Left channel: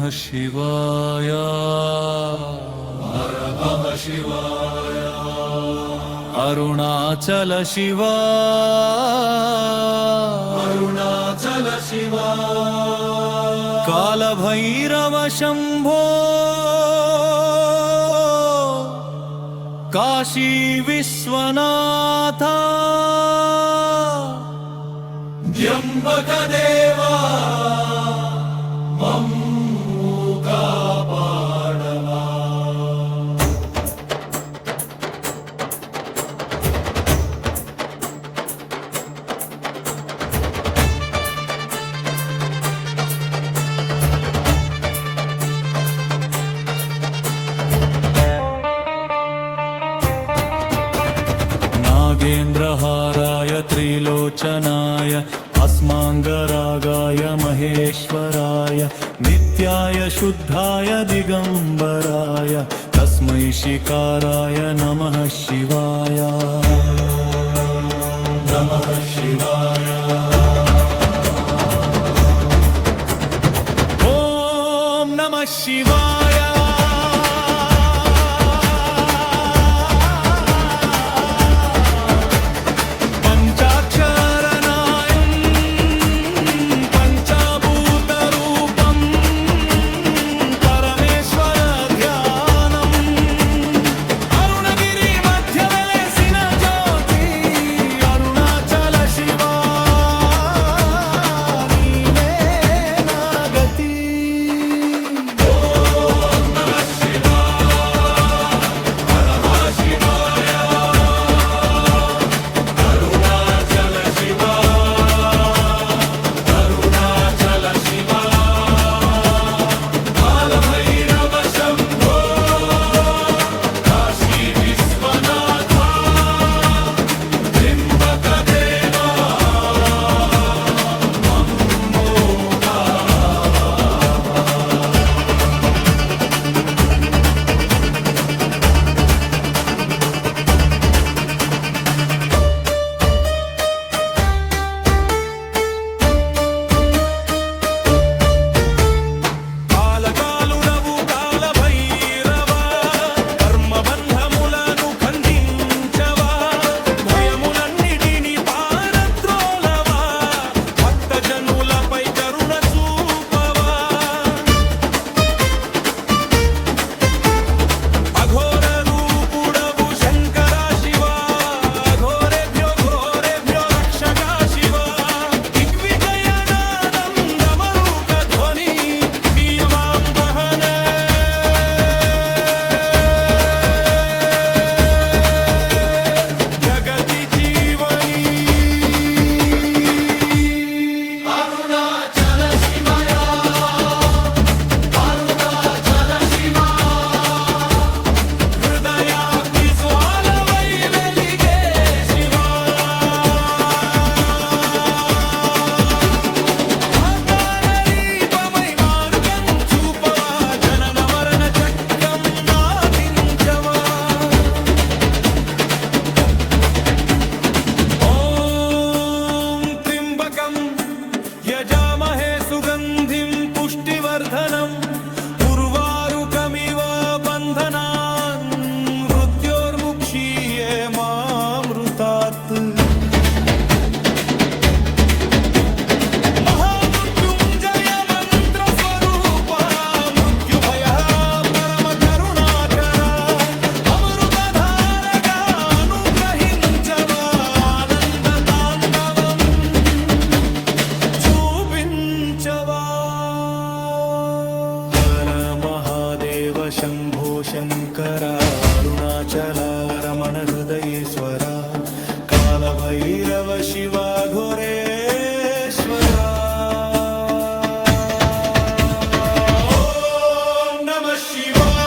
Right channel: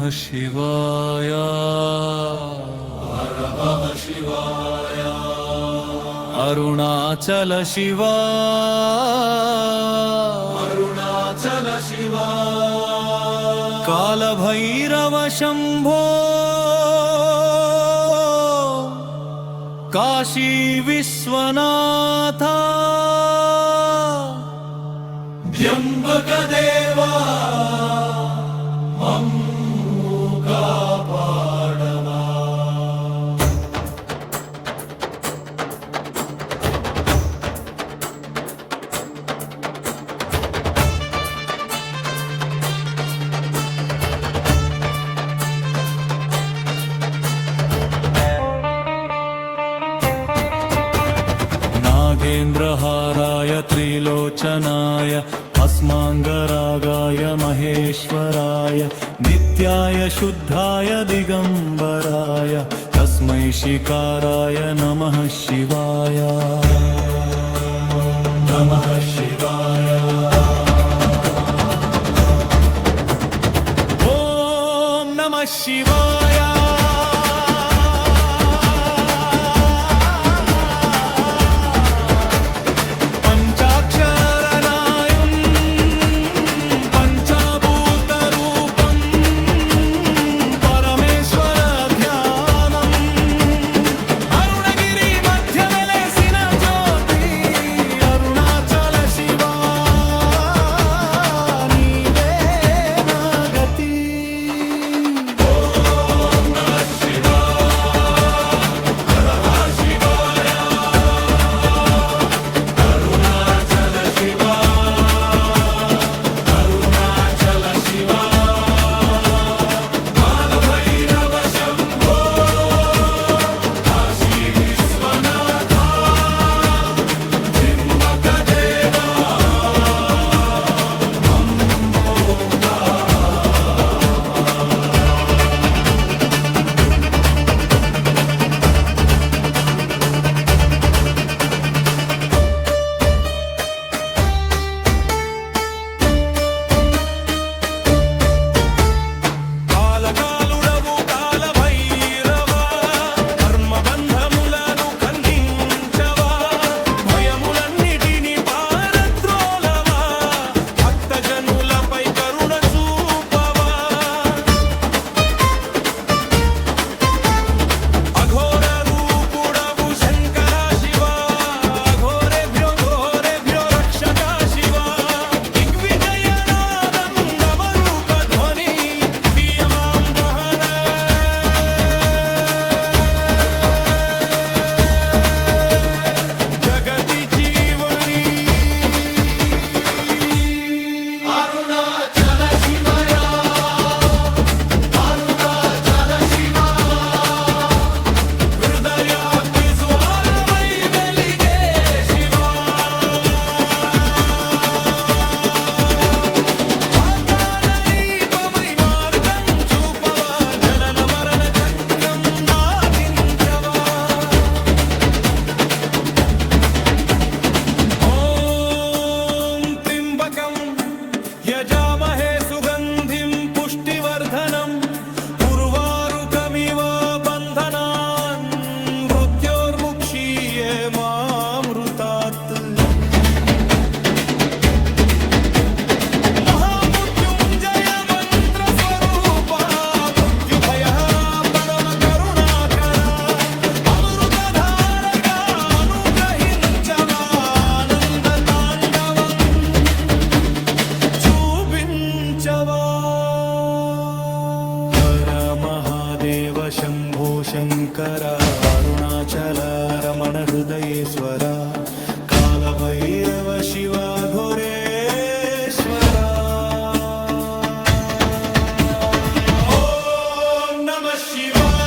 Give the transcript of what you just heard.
नमः शिवाय नमः शिवाय अरुणाचल शिवा अरुणाचल शिवा कालभैरव शंभो काशी विश्वनाथ त्र्यंबक देवा मम्मु कापाडवा नागेन्द्रहाराय त्रिलोचनाय अस्मांगरागाय महेश्वराय नित्याय शुद्धाय दिगंबराय तस्मै शिकाराय नमः शिवाय नमः शिवाय ओम नमः शिवाय यजामहे सुगंधिं पुष्टिवर्धनम् उर्वारुकमिव बन्धनान् मृत्योर्मुक्षीये मामृतात् महामृत्युञ्जय मन्त्रस्वरूपा मृत्युभयहरा परमकरुणाकरा अमृतधारगा अनुग्रहिंचवा आनन्दताण्डवम् చూపించవా హర మహాదేవ శంభో శంకర అరుణాచల రమణ హృదయేశ్వర కాలభైరవ శివ ఘోరేశ్వర ఓం నమః శివాయ